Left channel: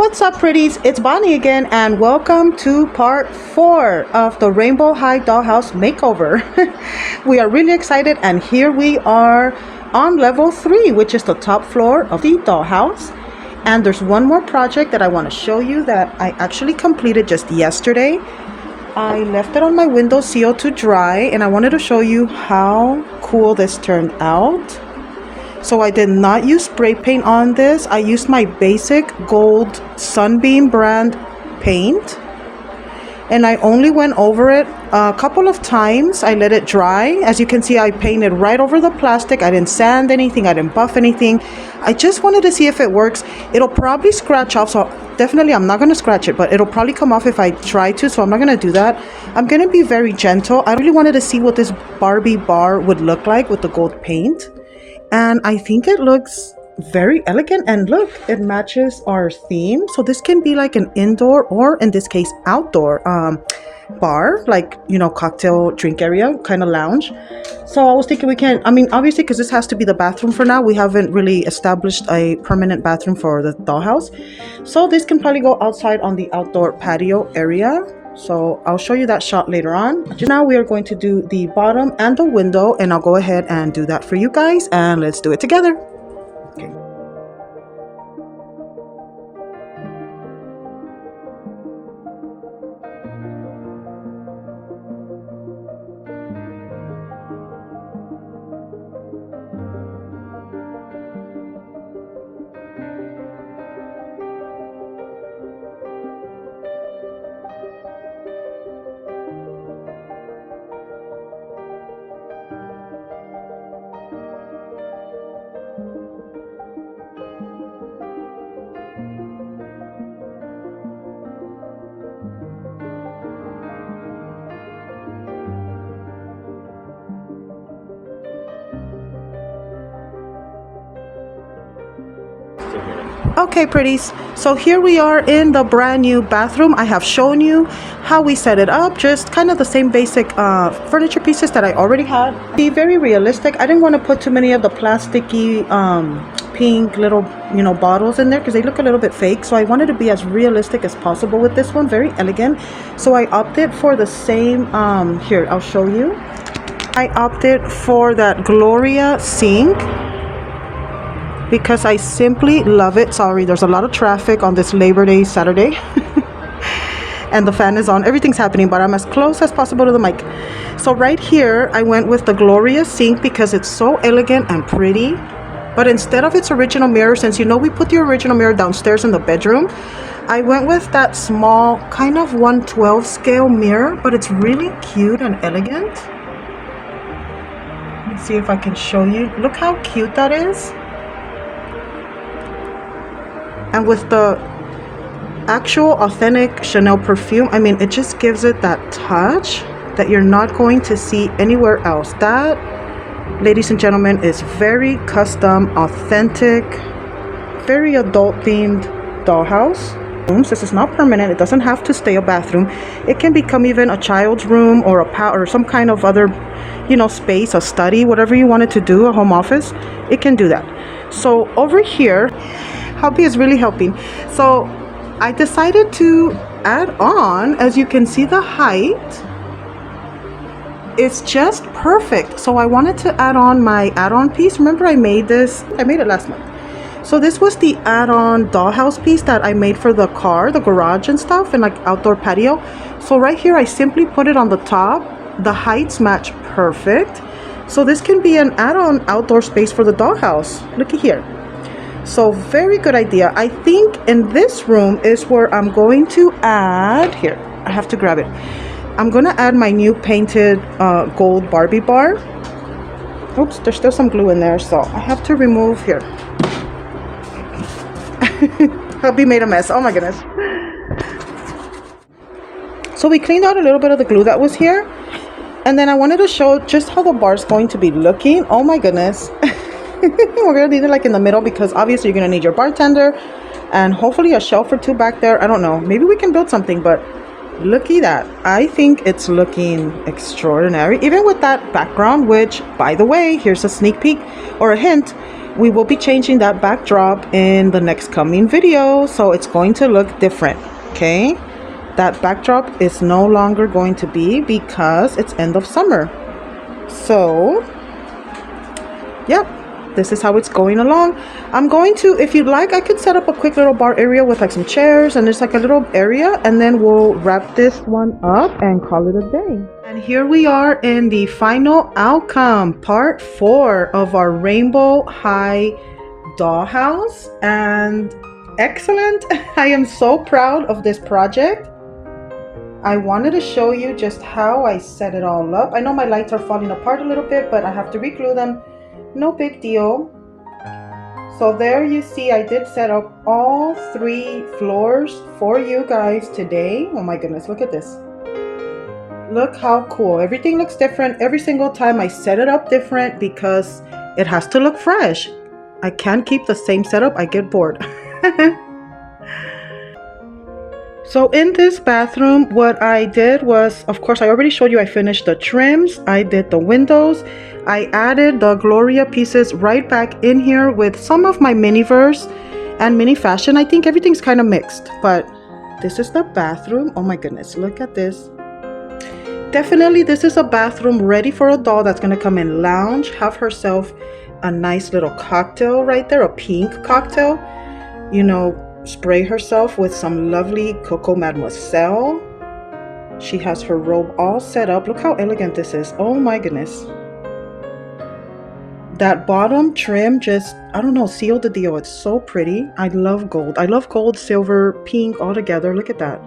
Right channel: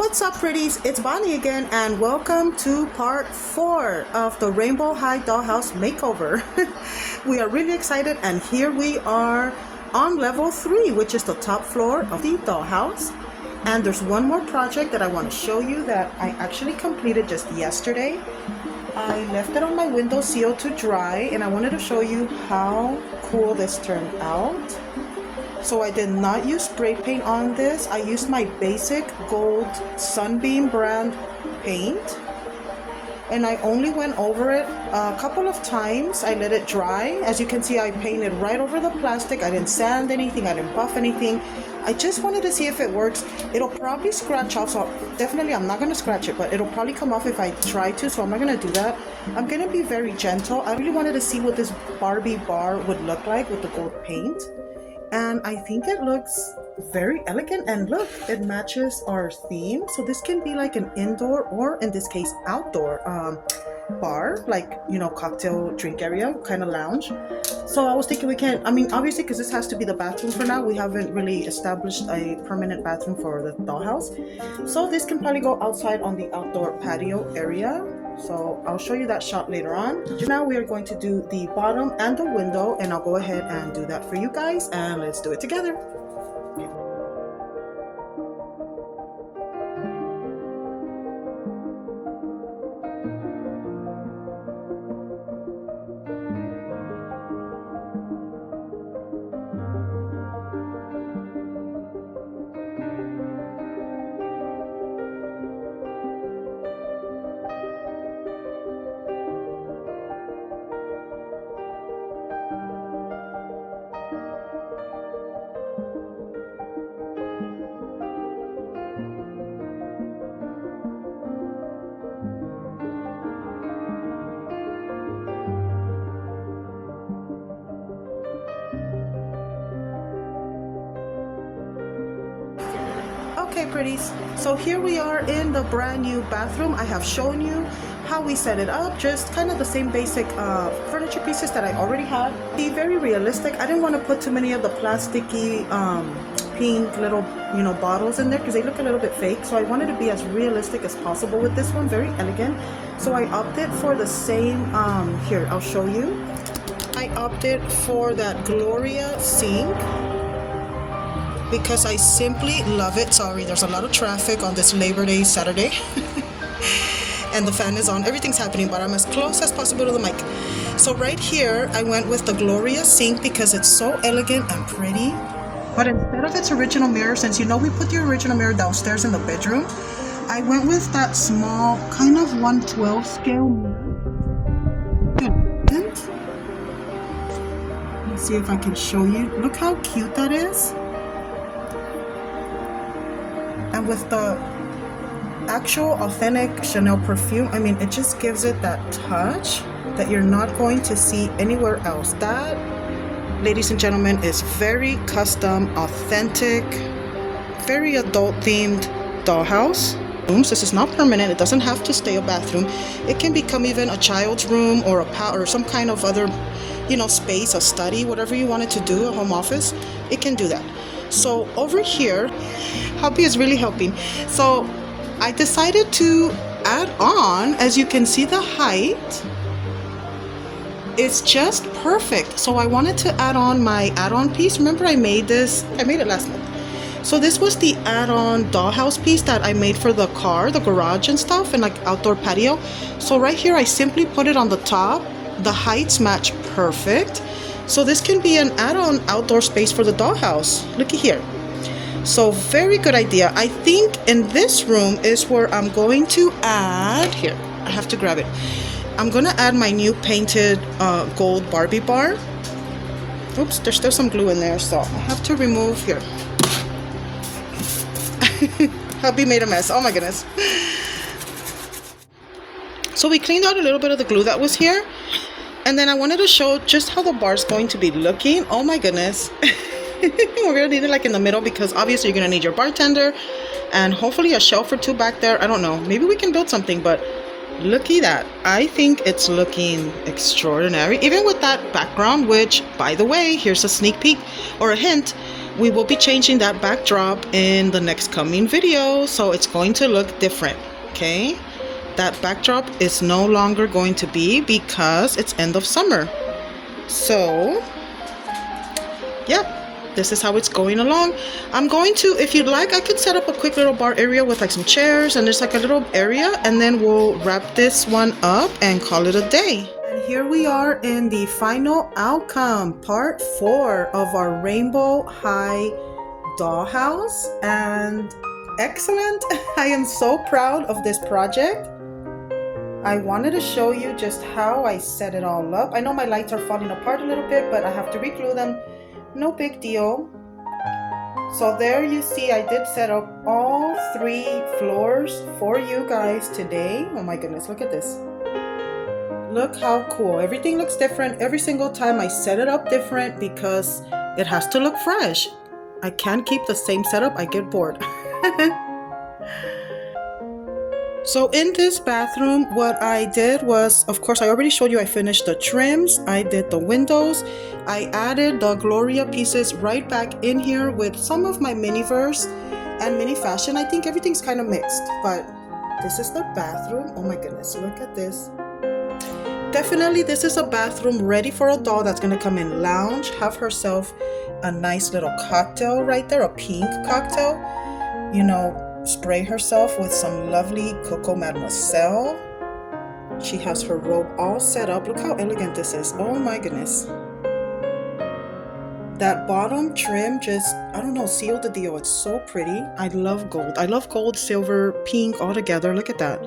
What's up, pretties? It's Bonnie again, and welcome to part 4 of the Rainbow High Dollhouse makeover. We are really excited, and here we are on level 3, which is the top floor of the dollhouse. And there's one more project that I want to show you that I actually completed just yesterday. I left it on my windowsill to dry, and I wanted to show you how cool this turned out. So I did not use spray paint on this. I used my basic gold Sunbeam brand paint, and I only went over it a couple of times. I let it dry. As you can see, I painted right over the plastic. I didn't sand anything, I didn't buff anything. I just wanted to see if it works. It'll probably scratch off, so definitely I'm not going to scratch it, but it'll probably come off if I try to, so I'm not going to do that. I'm going to be very gentle. I really wanted to see what this Barbie bar would look like with the gold paint. And I think it looks very elegant, and look, it matches our theme. So this can be like an indoor, or in this case outdoor bar, like, you know, cocktail drink area kind of lounge. So I was thinking we can, I mean, obviously, because this has to be the bathroom for now, we haven't really established a permanent bathroom for the dollhouse. So this can probably go outside on the outdoor patio area. So I'll show you that shot later on. Now we are going to do the bottom and the window, and I'll go ahead and do that for you guys, and let's do it together. Okay. Okay, pretties, so here we are in the brand new bathroom. I have shown you how we set it up, just kind of the same basic furniture pieces that I already had. Be very realistic. I didn't want to put too many of the plasticky pink little, you know, bottles in there because they look a little bit fake. So I wanted to be as realistic as possible with this one, very elegant. So I opted for the same, here, I'll show you. I opted for that Gloria sink because I simply love it. Sorry, there's a lot of traffic on this Labor Day Saturday. And the fan is on, everything's happening, but I'm as close as possible to the mic. So right here, I went with the Gloria sink because it's so elegant and pretty. But instead of its original mirror, since you know we put the original mirror downstairs in the bedroom, I went with that small, kind of 1/12 scale mirror, but it's really cute and elegant. Let's see if I can show you. Look how cute that is. And with the actual authentic Chanel perfume, I mean, it just gives it that touch that you're not going to see anywhere else. That, ladies and gentlemen, is very custom, authentic, very adult themed dollhouse. This is not permanent. It doesn't have to stay a bathroom. It can become even a child's room or or some kind of other, you know, space, a study, whatever you want it to do, a home office. It can do that. So over here, hubby is really helping. So I decided to add on, as you can see, the height is just perfect. So I wanted to add on my add-on piece. Remember, I made this, I made it last month. So this was the add-on dollhouse piece that I made for the car, the garage and stuff, and like outdoor patio. So right here, I simply put it on the top. The heights match perfect. So this can be an add-on outdoor space for the dollhouse. Looky here. So very good idea. I think in this room is where I'm going to add, here, I have to grab it. I'm going to add my new painted gold Barbie bar. Oops, there's still some glue in there, so I have to remove here. Hubby made a mess. Oh my goodness. So we cleaned out a little bit of the glue that was here. And then I wanted to show just how the bar is going to be looking. Oh my goodness. We're gonna leave it like in the middle because obviously you're gonna need your bartender and hopefully a shelf or two back there. I don't know, maybe we can build something, but looky that. I think it's looking extraordinary, even with that background, which, by the way, here's a sneak peek or a hint. We will be changing that backdrop in the next coming video, so it's going to look different, okay? That backdrop is no longer going to be because it's end of summer. So, yep, this is how it's going along. I'm going to, if you'd like, I could set up a quick little bar area with like some chairs and there's like a little area, and then we'll wrap this one up and call it a day. And here we are in the final outcome, part 4 of our Rainbow High dollhouse, and excellent. I am so proud of this project. I wanted to show you just how I set it all up. I know my lights are falling apart a little bit, but I have to reglue them. No big deal. So there you see, I did set up all 3 floors for you guys today. Oh my goodness, look at this. Look how cool. Everything looks different. Every single time I set it up different because it has to look fresh. I can't keep the same setup. I get bored. So in this bathroom, what I did was, of course, I already showed you I finished the trims. I did the windows. I added the Gloria pieces right back in here with some of my miniverse and mini fashion. I think everything's kind of mixed, but this is the bathroom. Oh my goodness, look at this. Definitely, this is a bathroom ready for a doll that's going to come in lounge, have herself a nice little cocktail right there, a pink cocktail, you know, spray herself with some lovely Coco Mademoiselle. She has her robe all set up. Look how elegant this is. Oh my goodness. That bottom trim just, I don't know, sealed the deal. It's so pretty. I love gold. I love gold, silver, pink all together. Look at that.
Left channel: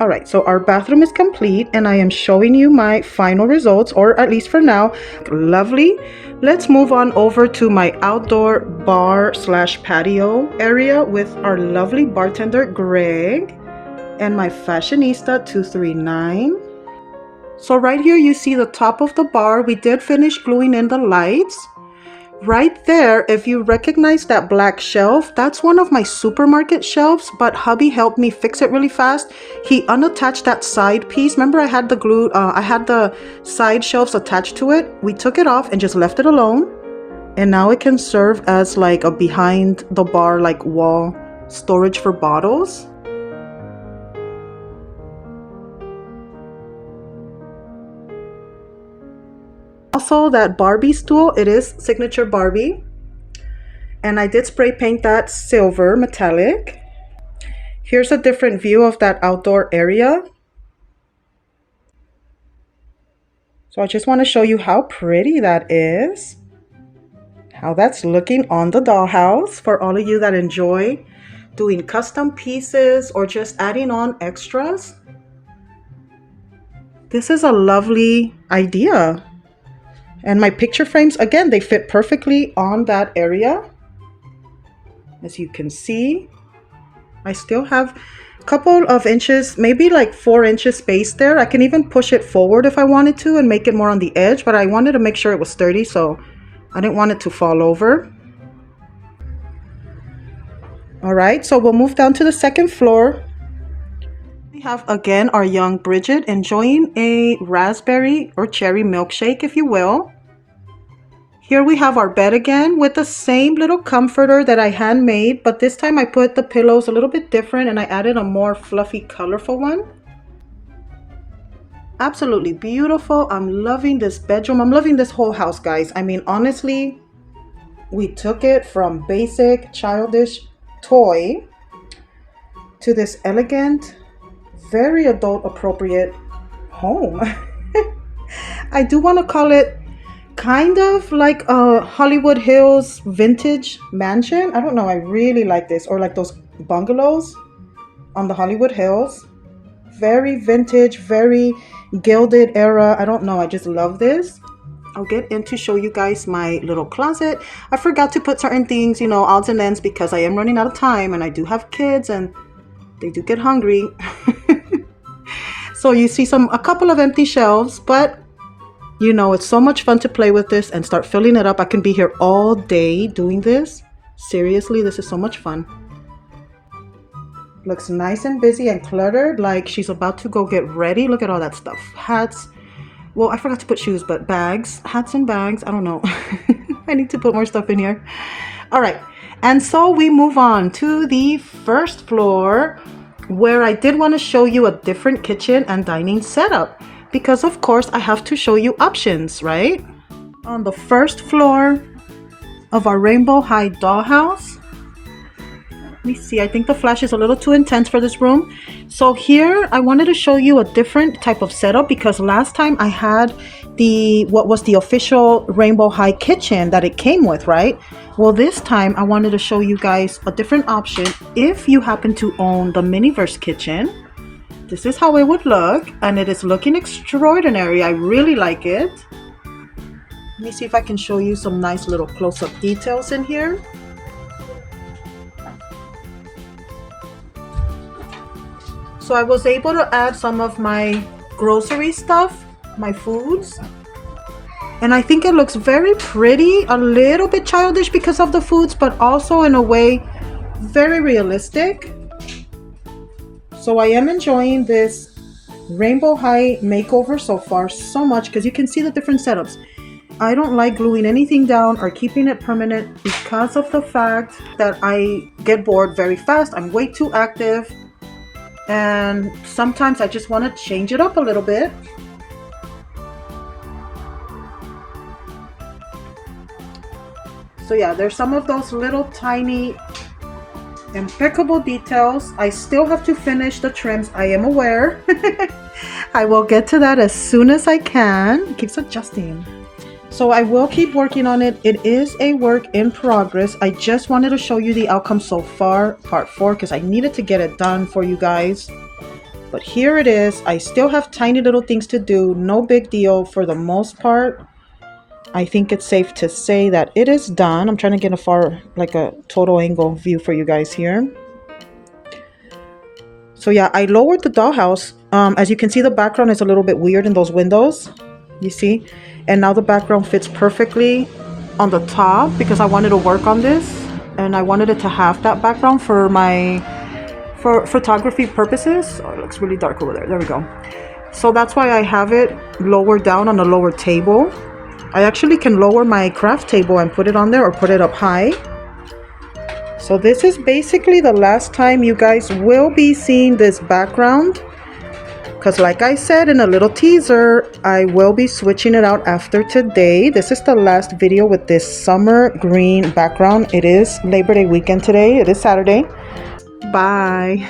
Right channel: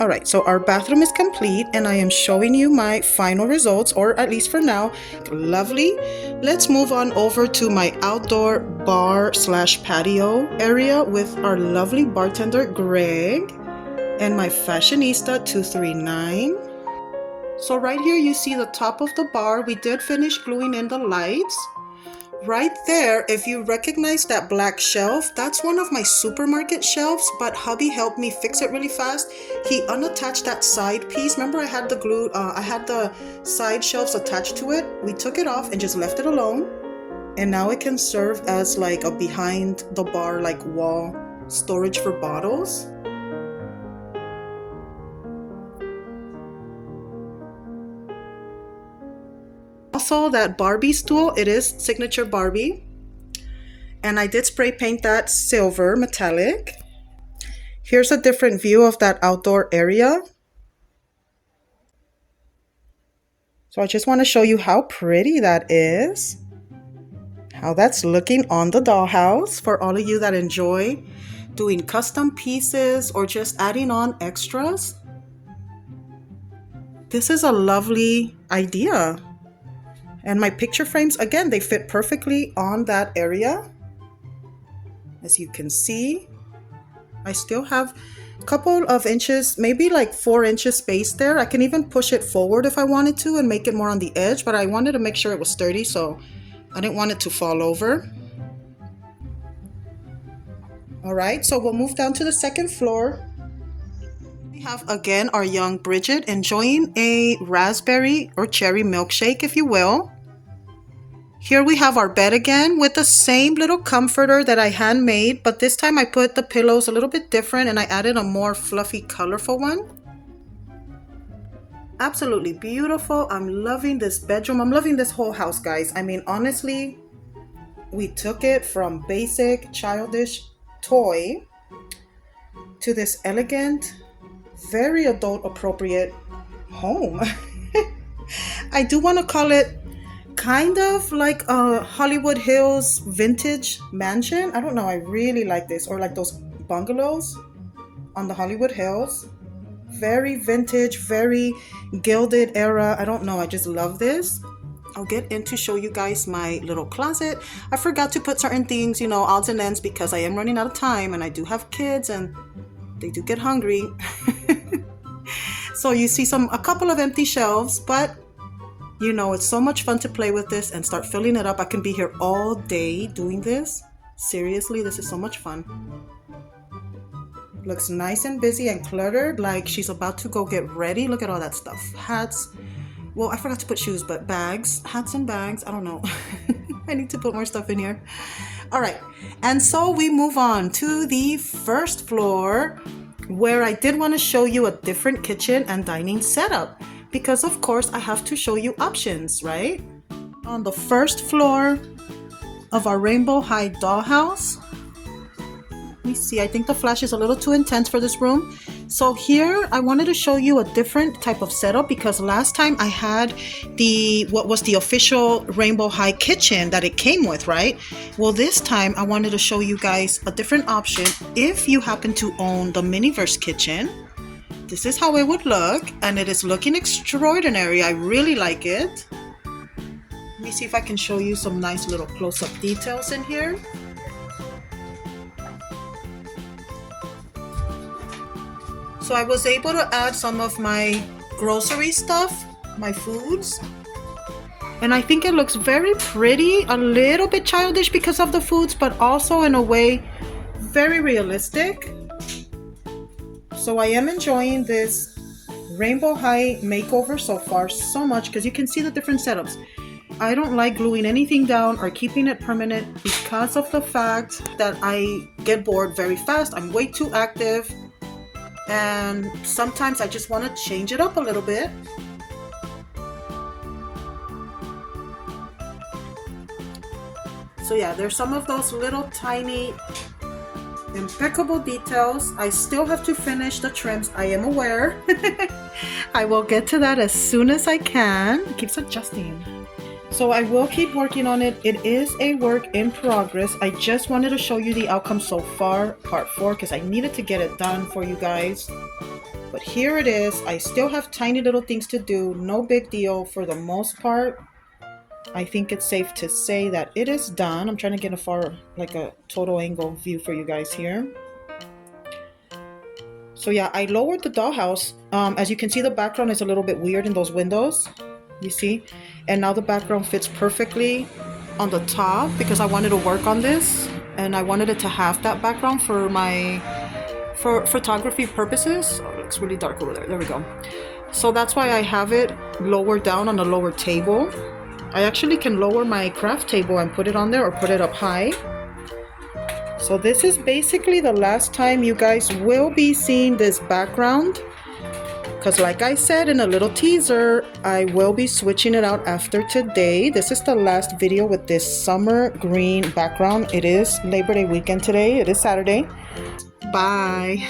All right, so our bathroom is complete and I am showing you my final results, or at least for now. Lovely. Let's move on over to my outdoor bar slash patio area with our lovely bartender, Greg, and my fashionista, 239. So right here, you see the top of the bar. We did finish gluing in the lights. Right there, if you recognize that black shelf, that's one of my supermarket shelves, but hubby helped me fix it really fast. He unattached that side piece. Remember I had the glue, I had the side shelves attached to it. We took it off and just left it alone. And now it can serve as like a behind the bar, like wall storage for bottles. Also, that Barbie stool, it is signature Barbie. And I did spray paint that silver metallic. Here's a different view of that outdoor area. So I just want to show you how pretty that is. How that's looking on the dollhouse for all of you that enjoy doing custom pieces or just adding on extras. This is a lovely idea. And my picture frames, again, they fit perfectly on that area. As you can see, I still have a couple of inches, maybe like 4 inches space there. I can even push it forward if I wanted to and make it more on the edge, but I wanted to make sure it was sturdy, so I didn't want it to fall over. All right, so we'll move down to the second floor. We have, again, our young Bridget enjoying a raspberry or cherry milkshake, if you will. Here we have our bed again with the same little comforter that I handmade, but this time I put the pillows a little bit different and I added a more fluffy, colorful one. Absolutely beautiful. I'm loving this bedroom. I'm loving this whole house, guys. I mean, honestly, we took it from basic, childish toy to this elegant, very adult appropriate home. I do want to call it kind of like a Hollywood Hills vintage mansion. I don't know, I really like this, or like those bungalows on the Hollywood Hills. Very vintage, very gilded era. I don't know, I just love this. I'll get in to show you guys my little closet. I forgot to put certain things, you know, odds and ends, because I am running out of time and I do have kids and they do get hungry. So you see a couple of empty shelves, but you know, it's so much fun to play with this and start filling it up. I can be here all day doing this. Seriously, this is so much fun. Looks nice and busy and cluttered, like she's about to go get ready. Look at all that stuff. Hats. Well, I forgot to put shoes, but bags. Hats and bags. I don't know. I need to put more stuff in here. All right, and so we move on to the first floor, where I did want to show you a different kitchen and dining setup, because of course I have to show you options, right? On the first floor of our Rainbow High dollhouse, let me see, I think the flash is a little too intense for this room. So here I wanted to show you a different type of setup, because last time I had what was the official Rainbow High kitchen that it came with, right? Well, this time I wanted to show you guys a different option. If you happen to own the Miniverse kitchen, this is how it would look, and it is looking extraordinary. I really like it. Let me see if I can show you some nice little close-up details in here. So I was able to add some of my grocery stuff, my foods, and I think it looks very pretty, a little bit childish because of the foods, but also in a way very realistic. So I am enjoying this Rainbow High makeover so far so much, because you can see the different setups. I don't like gluing anything down or keeping it permanent because of the fact that I get bored very fast. I'm way too active. And sometimes I just want to change it up a little bit. So yeah, there's some of those little tiny impeccable details. I still have to finish the trims, I am aware. I will get to that as soon as I can. It keeps adjusting. So I will keep working on it. It is a work in progress. I just wanted to show you the outcome so far, part 4, because I needed to get it done for you guys. But here it is. I still have tiny little things to do. No big deal for the most part. I think it's safe to say that it is done. I'm trying to get a total angle view for you guys here. So yeah, I lowered the dollhouse. As you can see, the background is a little bit weird in those windows. You see? And now the background fits perfectly on the top, because I wanted to work on this and I wanted it to have that background for photography purposes. Oh, it looks really dark over there. There we go. So that's why I have it lower down on the lower table. I actually can lower my craft table and put it on there, or put it up high. So this is basically the last time you guys will be seeing this background, because like I said in a little teaser, I will be switching it out after today. This is the last video with this summer green background. It is Labor Day weekend today. It is Saturday. Bye.